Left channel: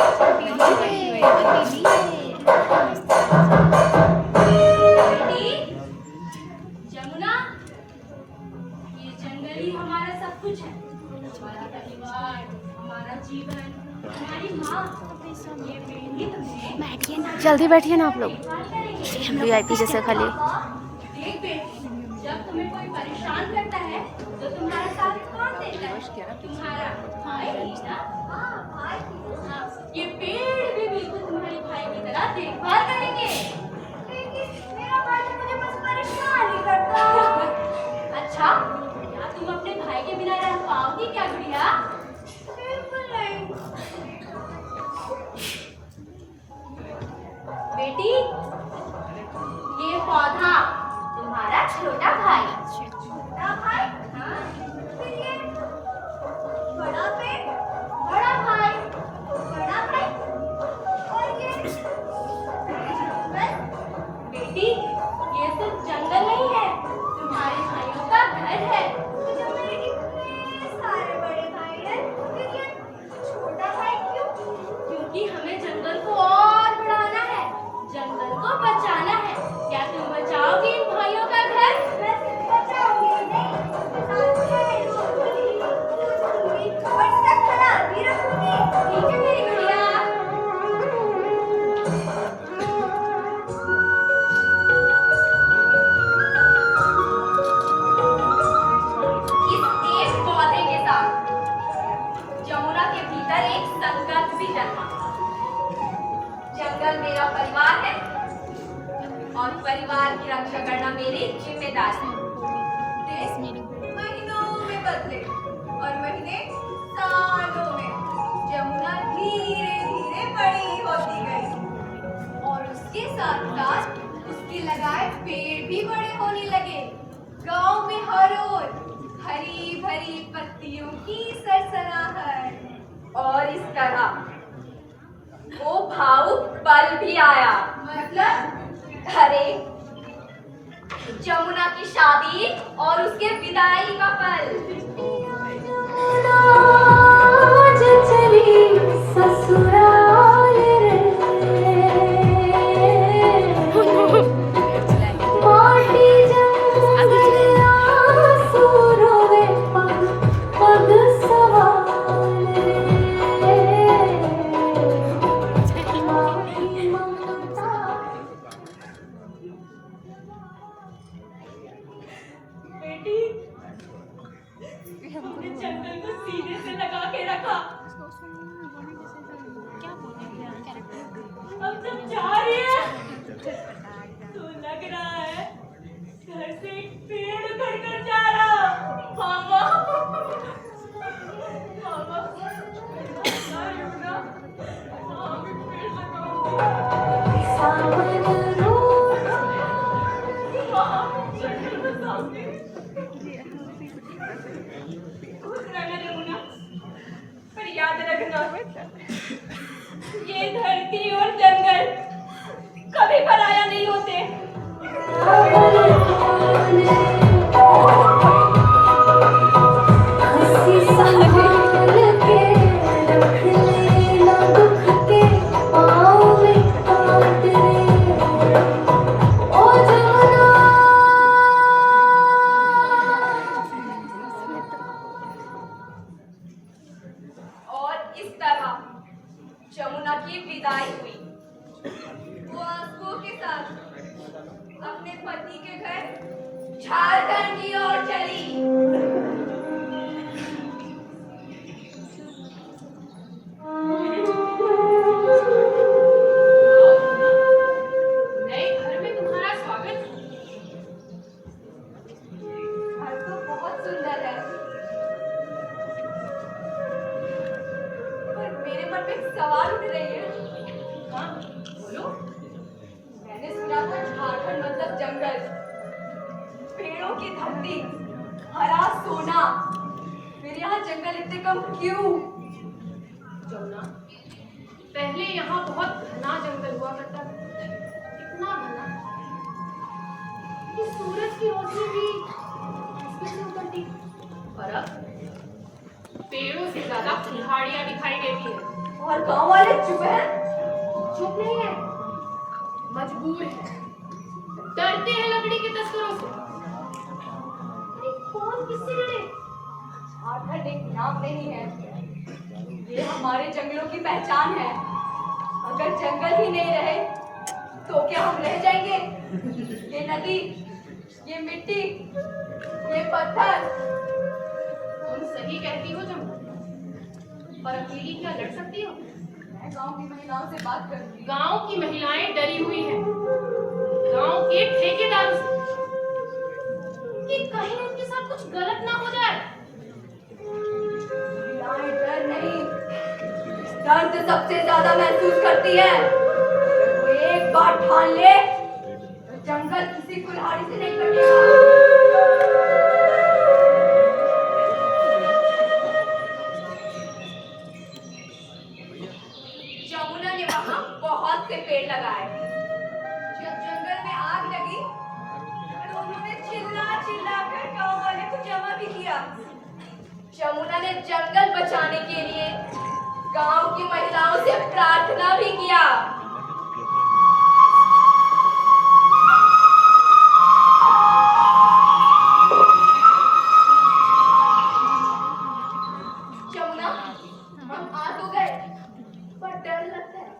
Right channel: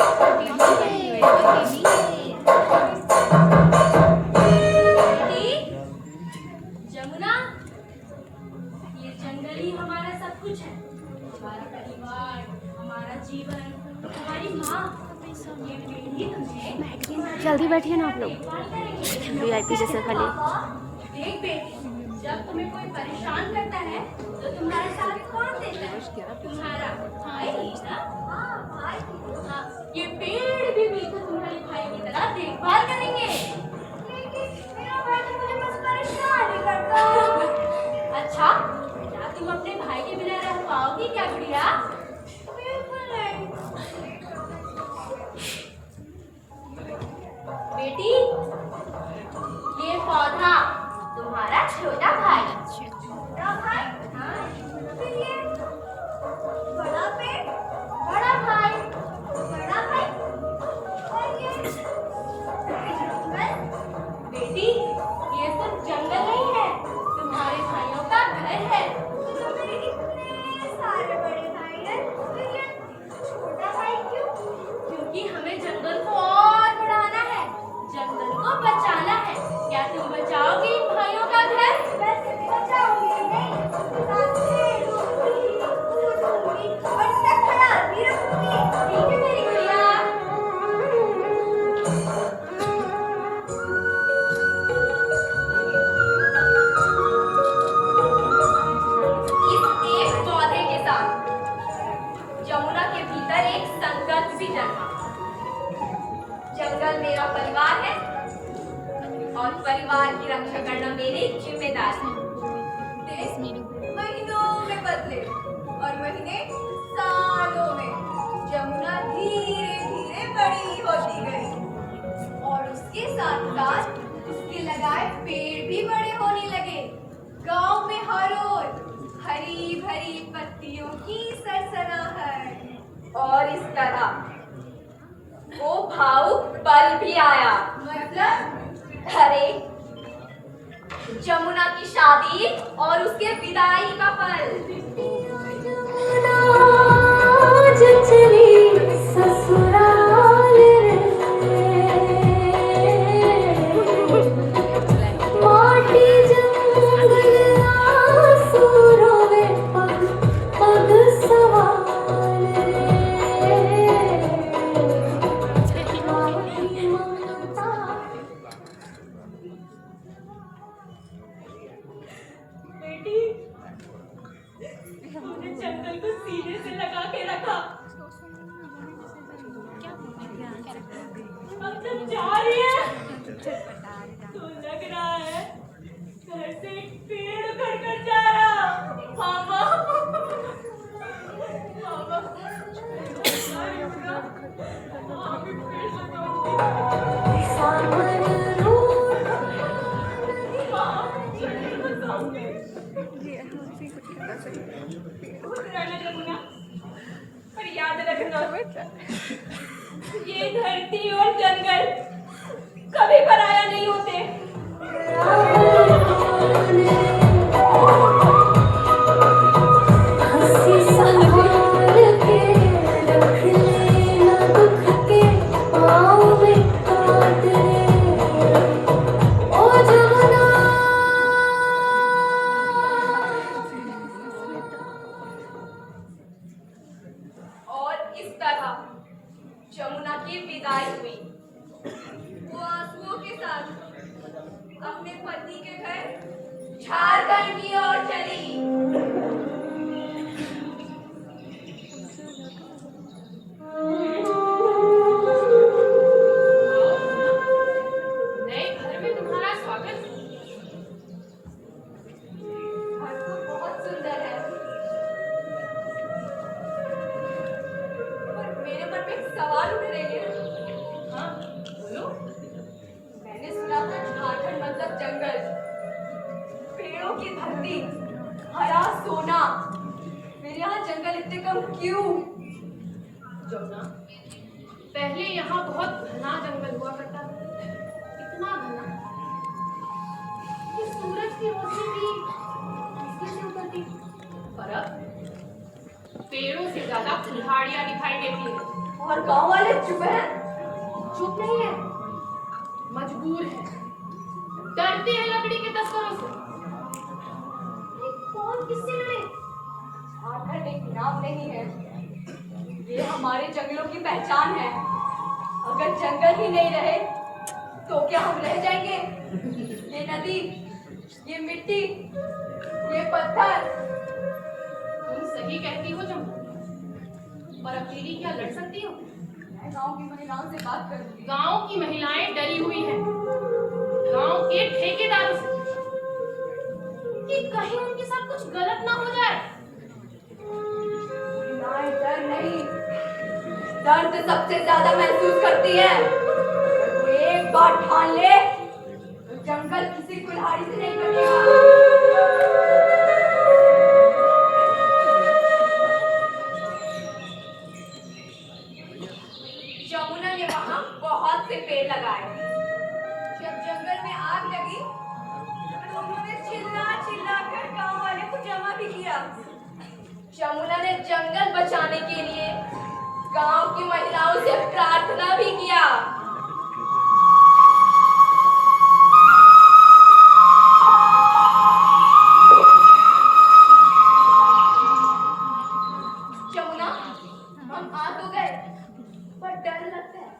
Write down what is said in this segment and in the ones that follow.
बेटी जमुना, ये जंगल ही हमारा सब कुछ है। हमारा परिवार, हमारा जीवन, हमारी माँ, ये पेड़ ही तुम्हें जल्दी बैठिए ना आप लोग। देखभाल करेंगे। वीआईपी जैसे खाली। देख बेटी, जब तुम्हें कोई परेशान करता है तो तुम्हारा साथ कौन देता है? तुम्हारा भाई ना? हाँ भाई। हाँ, ये पेड़ भी बिल्कुल तुम्हारे भाई की तरह देखभाल करेंगे। लेकिन मेरा भाई तो मुझे बस परेशान ही करता है। अच्छा, क्या तुम अपने भाई के बिना रह पाओगी क्या गुड़िया? बिल्कुल नहीं। बेटी, ये पौधा तुम्हारा छोटा भाई। छोटा भाई? हाँ। फिर ये बड़ा पेड़, बड़ा भाई, बड़ा भाई, और ये जंगल। बेटी, ये सिर्फ जंगल नहीं है, तुम्हारे भाइयों का घर है। तो जब मेरे इतने सारे बड़े भाई हैं, फिर ये छोटा भाई क्यों? क्योंकि हमें जंगल को और बढ़ाना है, जंगल को बचाना है। क्या तुम बचाओगे इन भाइयों का घर? मैं सिर्फ बचाऊंगी नहीं, उसके साथ खेलूंगी, कूदूंगी और इसका ख्याल भी रखूंगी। ठीक है मेरी गुड़िया। इस एक पौधे के साथ जमुना के भीतर एक संकल्प भी जन्मा। जंगल मेरा परिवार है और परिवार की रक्षा करना मेरी जिम्मेदारी है। दिन महीनों में बदले और महीने सालों में जमुना धीरे धीरे बड़ी होती गई और उसके साथ साथ उसके लगाए पेड़ भी बड़े होने लगे। गांव में हर ओर हरी भरी पत्तियों की सरसराहट। और इस तरह वो भावुक पल भी आया। मतलब? अरे, जमुना की शादी और उसके विदाई का पल। बेटी, तूने जंगल को सीने से लगा के रखा। अब जब जा रही है तो लग रहा है घर से एक पेड़ उखड़ कर जा रहा। मामा, मामा, जा रही हूँ ना, वहाँ भी पेड़ लगाऊंगी। वहाँ जंगल बसाऊंगी। खुश रहना जमुना, पर याद रखना, ये धरती और जंगल कभी पराया नहीं होते। और इस तरह जमुना की विदाई हुई। वो आंसुओं के साथ अपने पति के घर झारखंड की ओर चली। नए घर में तुम्हारा स्वागत। घर तो बहुत सुंदर है, पर मेरे मन में एक सवाल उठ रही है। हाँ, बोलो। मैंने सुना था झारखंड मतलब जंगल, पेड़ों की धरती, हरा सोना। फिर यहाँ जंगल इतने कम क्यों? जमुना, पहले यहाँ बहुत घना जंगल हुआ करता था। इतना घना कि सूरज की रोशनी भी इसमें से उतरती। और अब पेड़ों से ज्यादा पहाड़ियाँ दिखाई देती है। और गांव वाले चुप हैं। चुप नहीं है, मजबूर है, डरते हैं लकड़ी के तस्करों से। अरे कौन किससे लड़े? आखिर एक नाम नहीं है, ये हमारे जंगलों की पहचान है। अगर जंगल ही नहीं रहे तो क्या हम रह जाएंगे? ये नदी, ये मिट्टी, ये पत्थर। तुम सही कहती हो जमुना, पर अकेली क्या लड़ सकती हो? मैं गांव की महिलाओं से बात करूंगी। गांव की महिलाएं डरी हुई हैं गांव के ठेकेदारों से कि कहीं उनके साथ कुछ गलत ना हो जाए। महिलाएं डर नहीं, दर्द सबसे ज्यादा महसूस करती है। अगर कोई एक बार ठान ले तो जंगल किसी कुल्हाड़ी से नहीं कटेगा। यमुना ने वहां बहुत से पेड़ लगाए। जब जंगल में आग लगी तो उन्होंने चिल्ला चिल्ला कर गांव वाले को जमा भी किया। यमुना ने जंगल बचाने के लिए गांव की महिलाओं से प्रार्थना भी किया। यमुना, हम आ तो गए पर डर लगता है।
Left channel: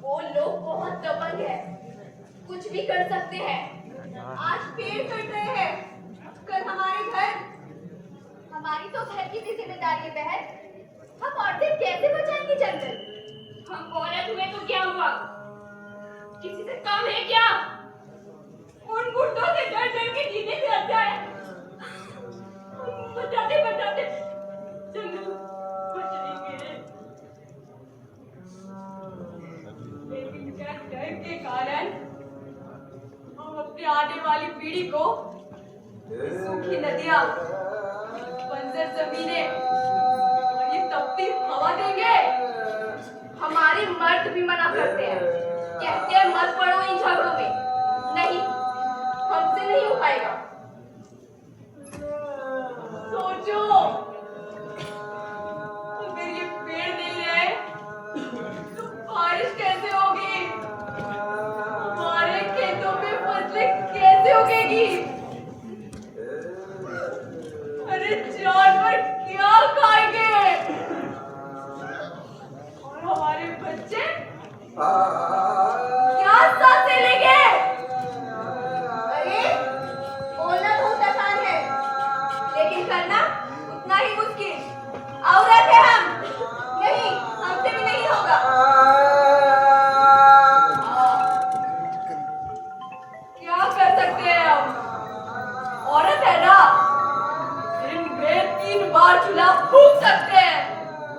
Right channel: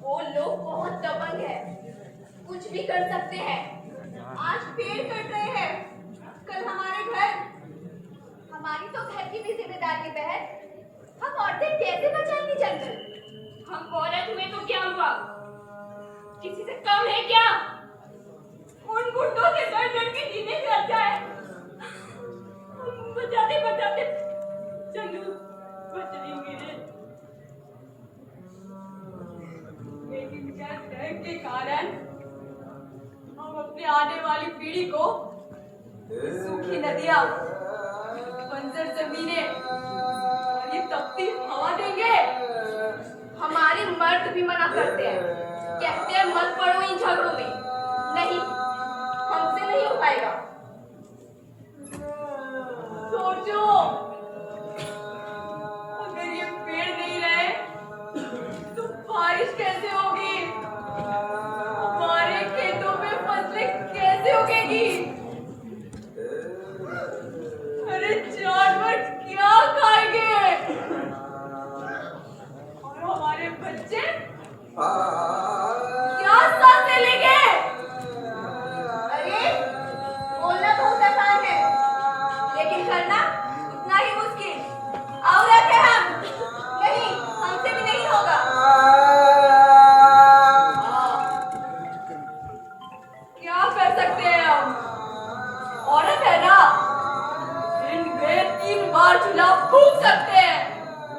वो लोग बहुत दबंग है, कुछ भी कर सकते हैं। आज पेड़ कट रहे हैं, कल हमारे घर। हमारी तो घर की भी जिम्मेदारी है बहन। हम औरतें कैसे बचाएंगे जंगल? हम औरत हुए तो क्या हुआ? किसी से कम है क्या? उन गुंडों से डर डर के जीने से अच्छा है बचाते बचाते जंगल बच जाएंगे। लेकिन क्या डर के कारण हम अपनी आने वाली पीढ़ी को सूखी नदियां, बंजर जमीनें और ये तपती हवा देंगे? हमारे मर्द भी मना करते हैं, कहते हैं मत पड़ो इन झगड़ों में। नहीं, हमसे नहीं हो पाएगा। सोचो, अगर ये पेड़ नहीं रहे तो बारिश कैसे होगी? हमारे खेतों में फसलें कैसे उगेगी? अरे जानवर क्या खाएंगे? और हमारे बच्चे क्या सांसें लेंगे? अरे बोलना बहुत आसान है, लेकिन करना उतना ही मुश्किल। औरत है हम, नहीं, हमसे भी नहीं होगा। क्या कर सकते हैं हम? औरत है ना, दिन में 3 बार चूल्हा फूंक सकते हैं,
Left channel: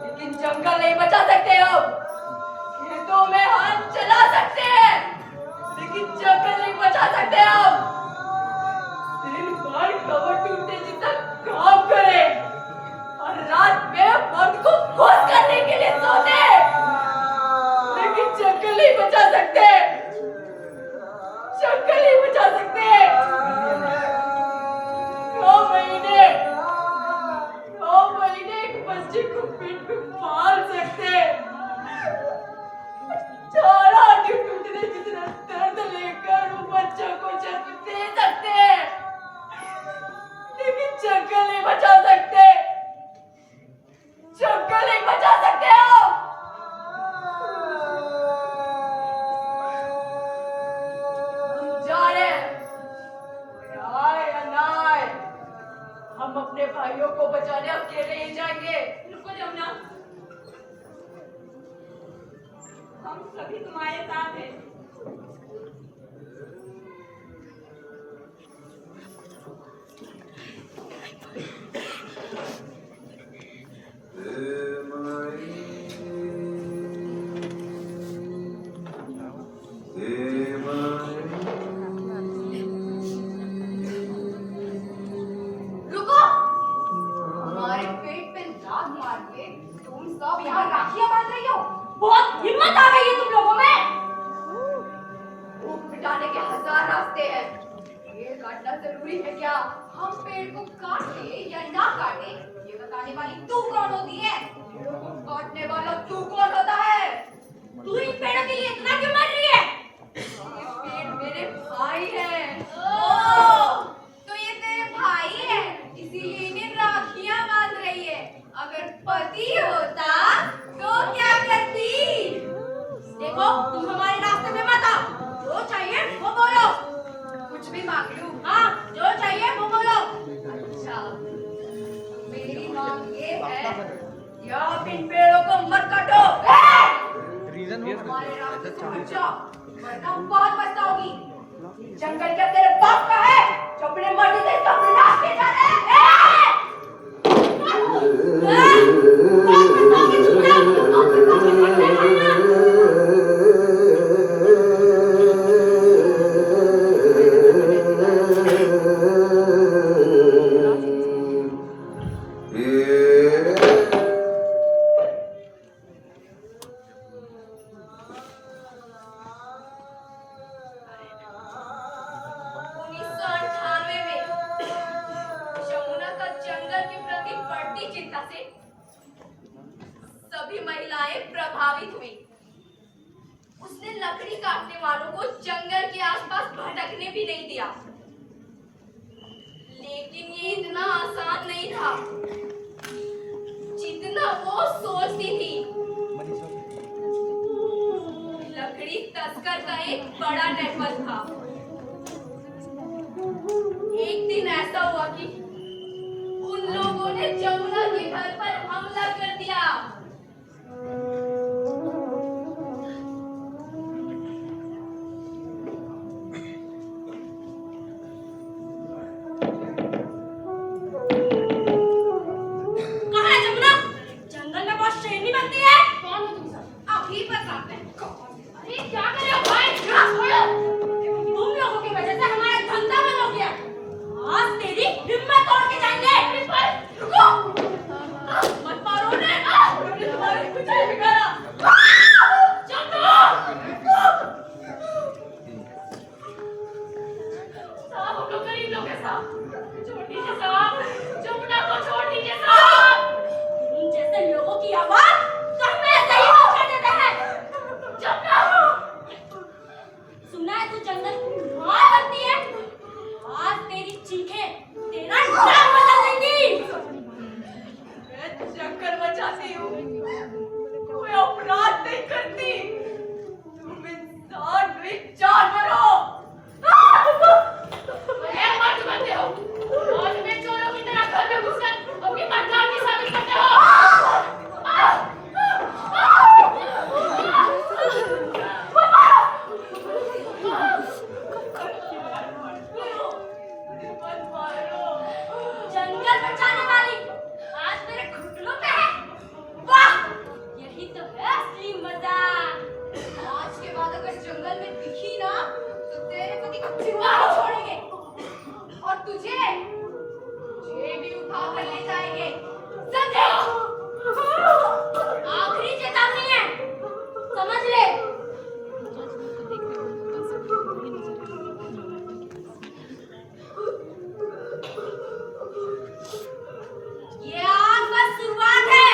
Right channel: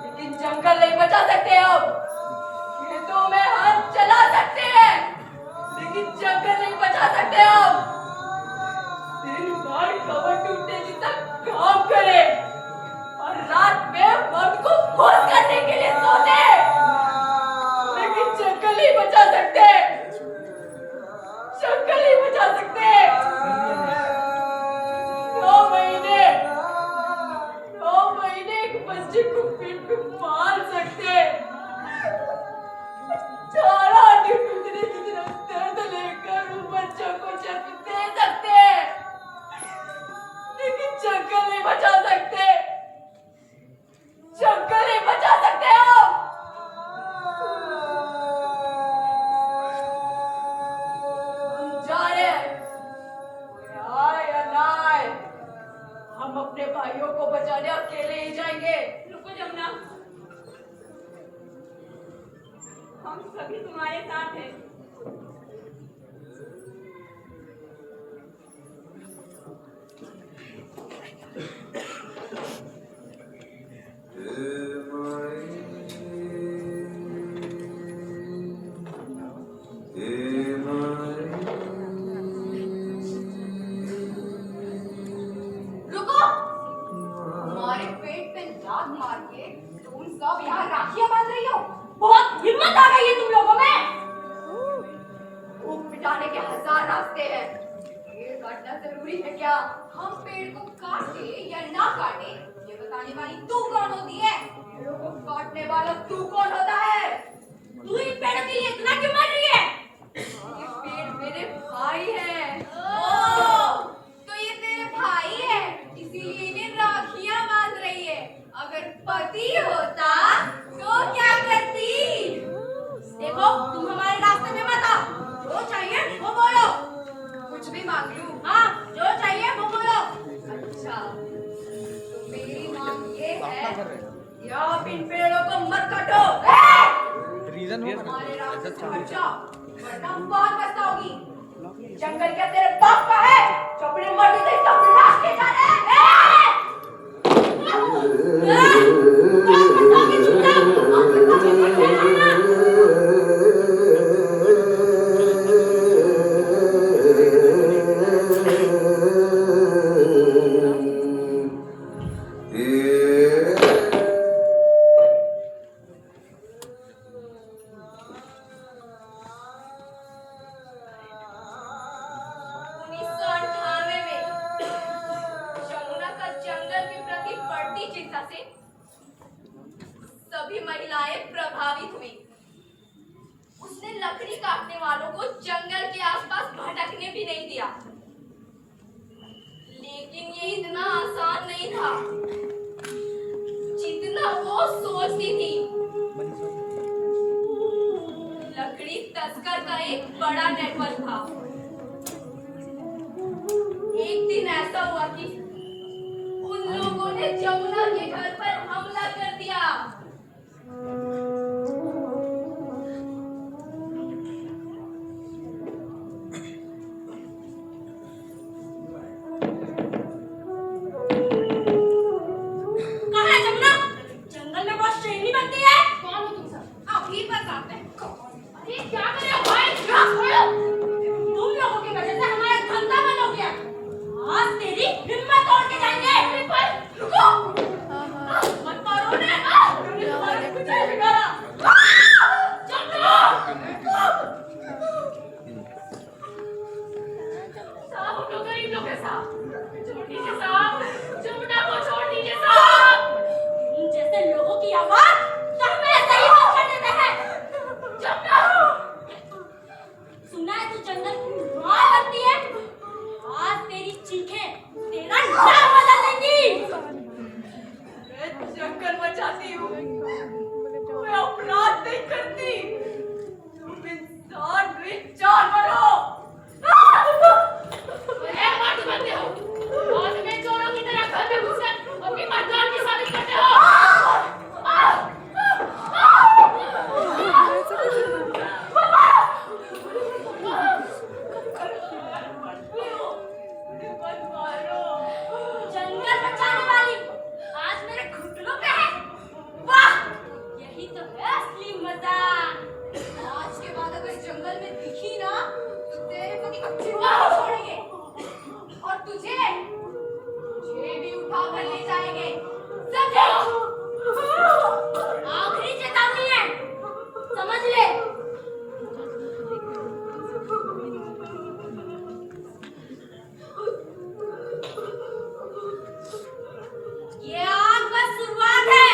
लेकिन जंगल नहीं बचा सकते हम। खेतों में हल चला सकते हैं, लेकिन जंगल नहीं बचा सकते हम। दिन भर कमर टूटने जितना काम करे और रात में मन को खुश करने के लिए सोते, लेकिन जंगल नहीं बचा सकते। जंगल नहीं बचा सकते। 9 महीने एक बच्चे को पेट पे पाल सकते, चारा टूटने जितना दर्द लेकर वो बच्चों को जन्म दे सकते, लेकिन जंगल नहीं बचा सकते। जंगल नहीं बचा सकते हम। जा रहे हैं, आए या ना आए, हम अपने भाइयों को बचाने अकेले ही जाएंगे। रुको जमुना, हम सभी तुम्हारे साथ हैं। रुको, हमारे पेट पे लात मार के तुम सब यहाँ राखियां बांध रही हो? बहुत हिम्मत आ गई है तुम लोगों में। भूख मिटाने के 1000 रास्ते हैं, पेड़ काटना जरूरी है क्या? हम पेड़ को काटे या ना काटे ये बताने वाली तू कौन होती है? पेड़ों को काटने वाला तू कौन होता है? तू इन पेड़ों के लिए इतना क्यों मर रही है? ये पेड़ मेरे भाई हैं। तो ये तेरे भाई है, इसीलिए इन्हें राखियां बांध रही है। अगर पति होता तो क्या करती? देखो, तुम हमारे रास्ते में मत आओ। जो चाहिए वो बोलो। कुछ भी मांग लूं? हाँ, जो चाहिए वो बोलो। अच्छा, तो मेरी मांग ये है कि आप इन पेड़ों को मत काटो। हमारे रास्ते से हट जाओ, वरना बहुत पछताओगी। जंगल क्या तेरे बाप का है जो अपने मर्जी से इसका विनाश किए जा रहे हैं? सभी महिलाएं प्रभावित हुई। उसने लकड़ी काटने वालों को जंगल के आसपास भटकने भी नहीं दिया। लेकिन ये इतना आसान नहीं था जितना वो सोचती थी। लकड़ी तस्कर का एक बड़ा नेटवर्क था। एक दिन ऐसा हुआ कि उन लोगों ने जमुना के घर पर हमला कर दिया। कहाँ है जमुना? जंगल में बहुत शेरनी बनती है। कौन हो तुम सब? अभी बताते हैं। अरे क्या कर रहे हो भाई? तुम लोगों की वजह से हमारा धंधा बंद हो गया। आज तेरी हिम्मत तोड़ के जाएंगे। रुको, मत मारो उन्हें। उन्होंने तुम्हारा कुछ नहीं बिगाड़ा। साहब, हम लोग गरीब लोग हैं साहब। छोड़ दीजिए साहब, जमुना को छोड़ दीजिए साहब। इन जैसे लोगों की आवाज तो हम ऐसे ही बंद कर देते हैं। जमुना, सुना है तू जंगल की मार बनती है? आज तेरी चीखें तेरा नाम बदल देंगी। मैं चक्कर मचाती हूँ, मैं अपराध नहीं करती। तुम इंसान नहीं जानवर हो। अरे मत बनते हो। आज में चोरों की तरह घर में घुसकर अपनी मर्दान की शादी करते हो। जंगल बचाने वाली आज मेरे घुटनों पे है। वाह, यही तो है असली मजा। आज के बाद अगर जंगल में दिखी ना तो तेरे पति को जिंदा नहीं छोड़ेंगे और तुझे भी उठा कर ले जाएंगे। समझे? आखिरी चेतावनी है, समझ ले। ये आज बस शुरुआत है।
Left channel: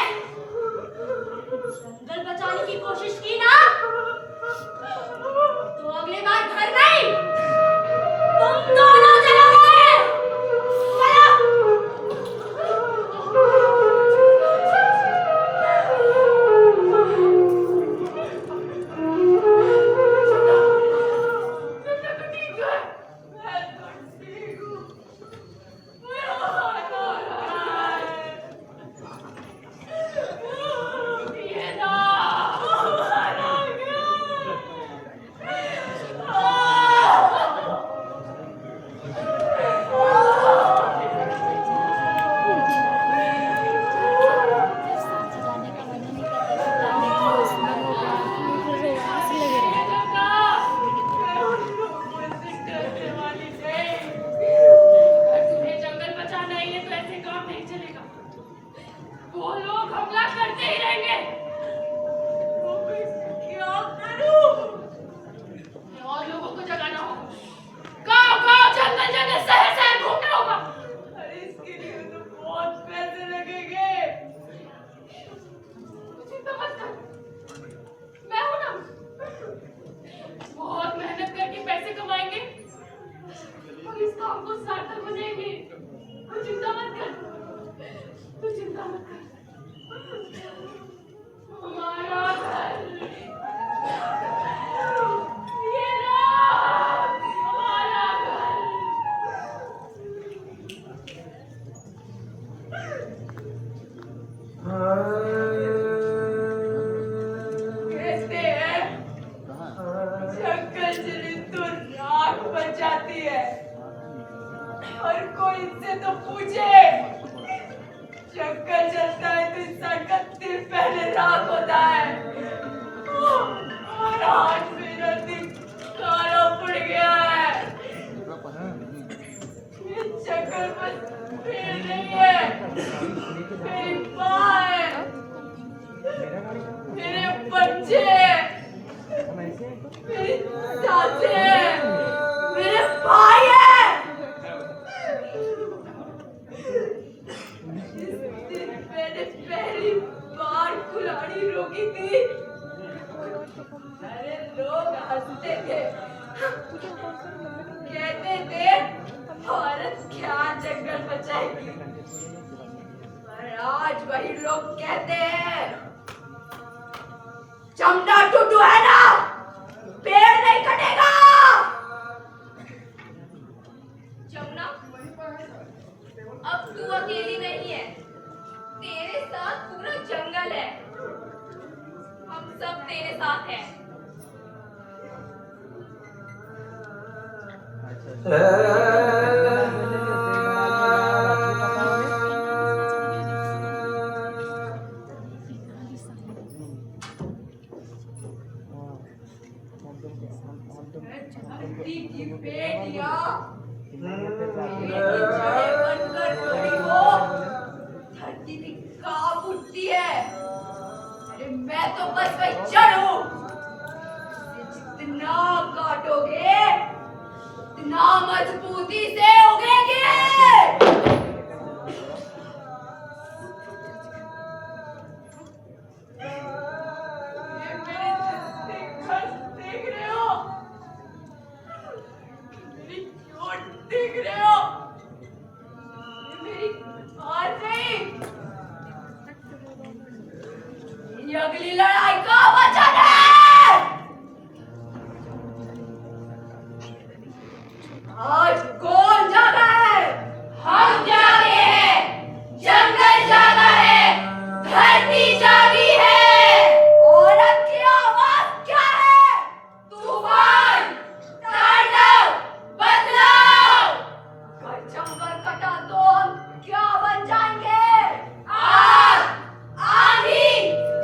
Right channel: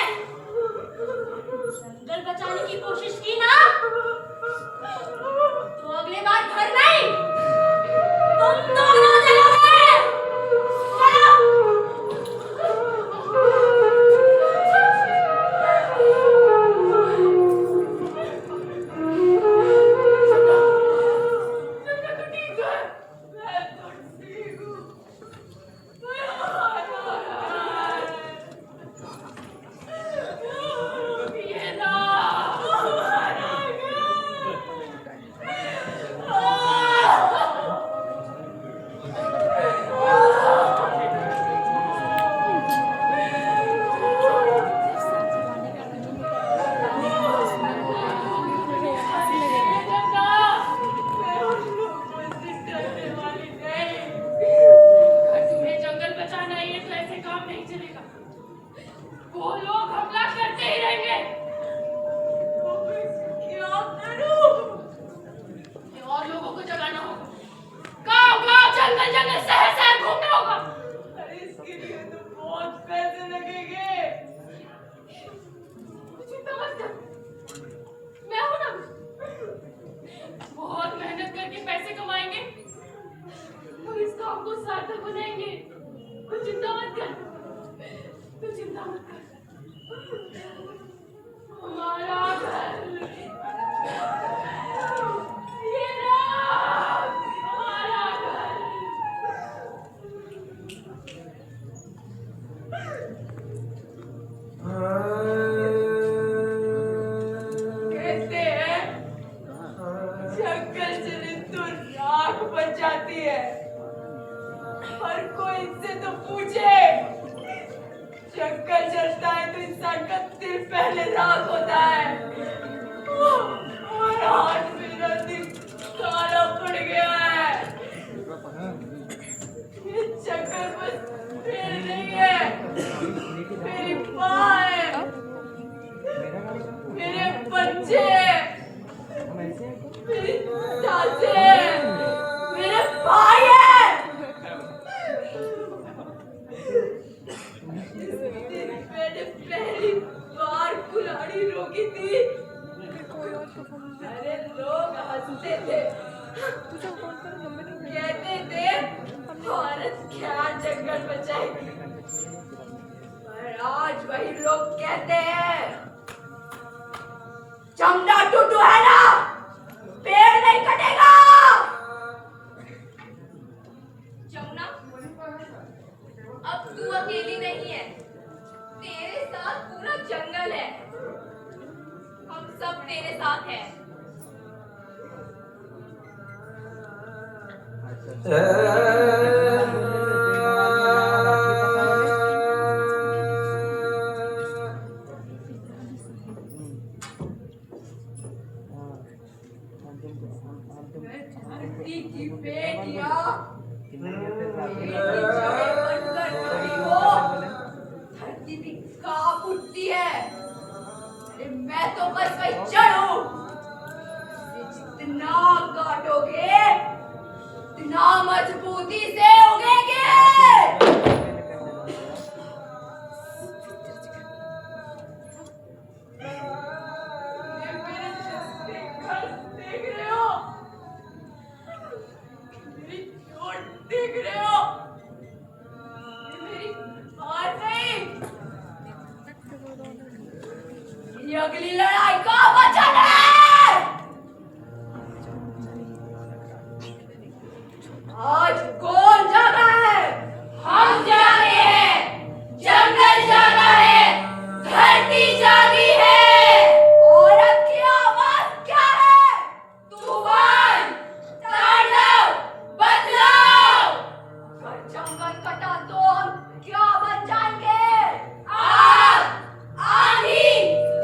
जंगल बचाने की कोशिश की ना तो अगले बार घर नहीं, तुम दोनों चलोगे। चलो। ये ना हर कोई इनसे तो पूछे, जंगल जलता है तो इंसान का दिल पहले राख होता है, और आज मेरा दिल काला पड़ गया है। ये जंगल बस पेड़ नहीं है, मेरी माँ है, मेरे बच्चे हैं, मेरी सासें हैं, मेरे भाई हैं। जिस दिन मैंने पहली बार कुल्हाड़ी रोकी थी, अरे लोग हंसते थे, कहते थे औरत क्या जंगल बचाएगी, पर आज वही लोग कहते हैं चमड़ा टूटू है ना, पेड़ नहीं कटेगा। जमुना, अब तू अकेली नहीं है, तेरे साथ पूरा जंगल है, हम सब तेरे साथ हैं। धरती की बेटियां जड़ें बनकर खड़ी हो, धरती भी कांप उठती है। अरे मैं तो बस वही जड़ हूँ, जितना काटोगे उतना मजबूती से उगेगे। ये मेरे छत्ते घर देख रहे हो, मेरी चोट देख रहे हो, ये मेरी हार नहीं, ये अगली लड़ाई का वचन है। आज कौन जागा है? हम जागे हैं, जंगल जागा है, धरती जागी है। औरत की आवाज क्या है? तूफान, तांडव, बदलाव। अगर जंगल कटा तो हम क्या बन जाएंगे? आग, आंधी,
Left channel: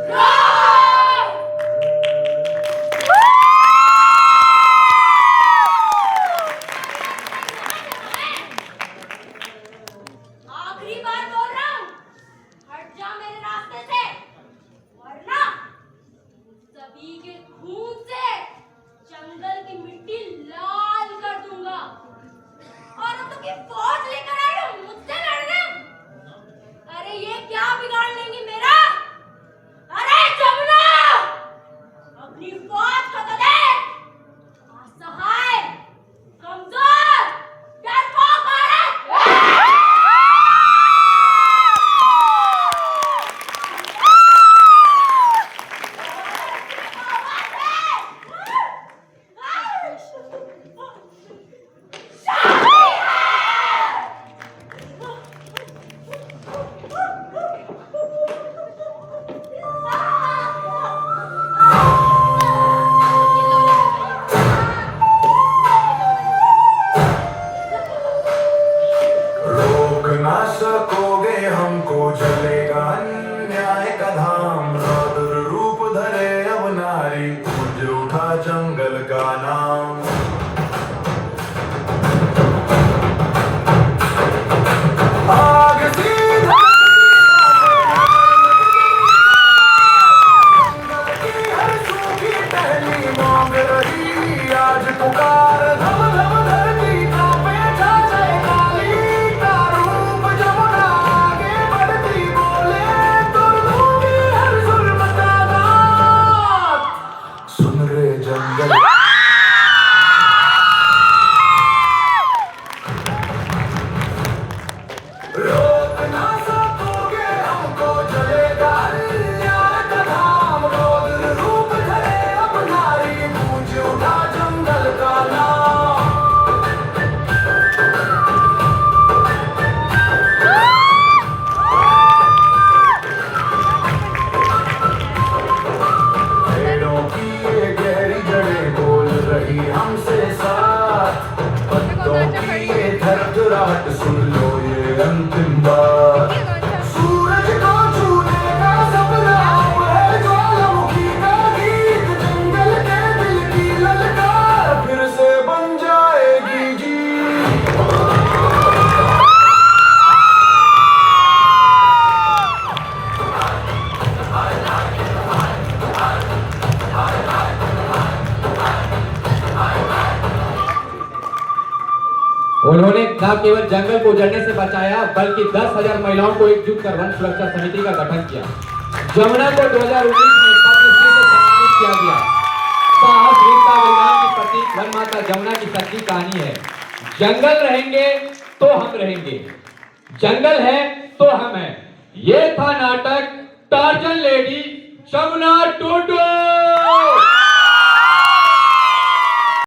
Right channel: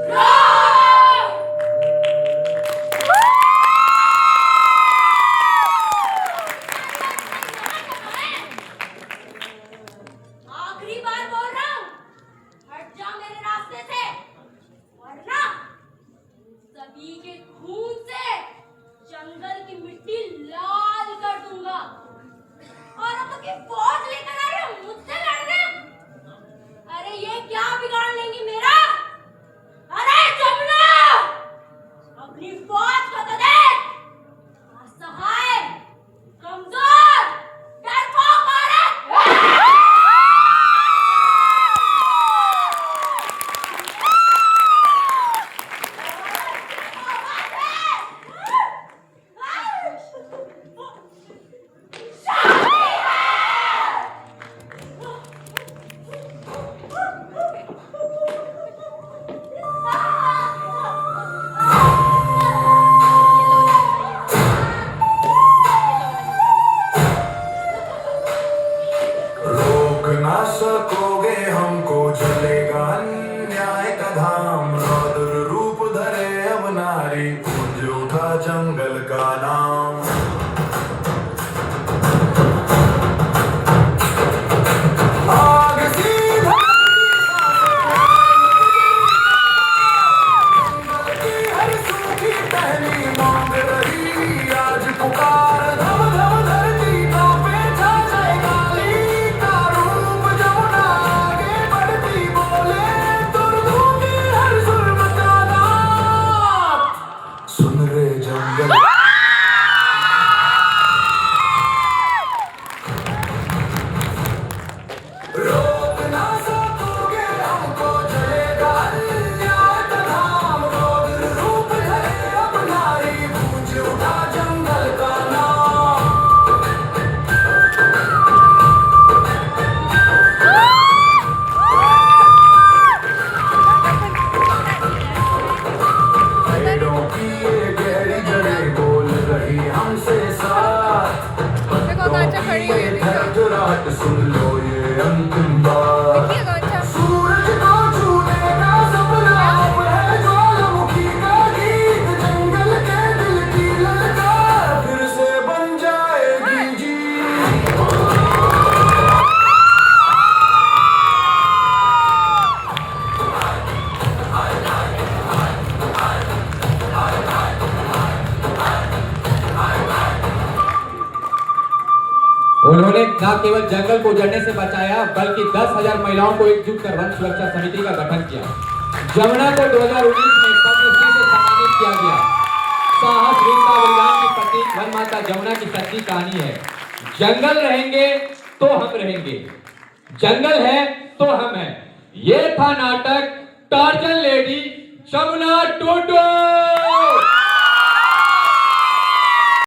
रोग। आखिरी बार बोल रहा हूँ, हट जा मेरे रास्ते से, वरना सभी के खून से जंगल की मिट्टी लाल कर दूंगा। और अब तो की फौज लेकर आए हो मुझसे लड़ने? अरे ये क्या बिगाड़ लेंगी मेरा? अरे जमुना, अपनी फौज को तो देख, असहाय, कमजोर, डरपोक औरत। रोक ना सकोगे हमको, जलेगा न्याय का धाम। रौद्र रूप धरे अब नारी, गूंज उठा जंगल का नाम। आग सी धरती हर सूखी टहनी मांग रही, आज पुकार धम धम धरती कांपे जाए काली का रूप। जमुना आगे बढ़ती बोले, तुम दूंगी हर जुल्म का दाग। सुन रे जंगल उन्होंने न केवल जंगल को उजड़ने से बचाया बल्कि 10,000 महिलाओं को एकजुट कर वन सुरक्षा समिति का गठन किया। जमुना को 2019 में पद्मश्री से सम्मानित किया गया। साहस वीरता बलिदान की प्रतीक वन माता जमुना की सच्ची कहानी है। जंगल रहेंगे तो हम रहेंगे, जंगल है तो हम हैं। ये था नाटक टार्जन लेडी जमुना टुडू।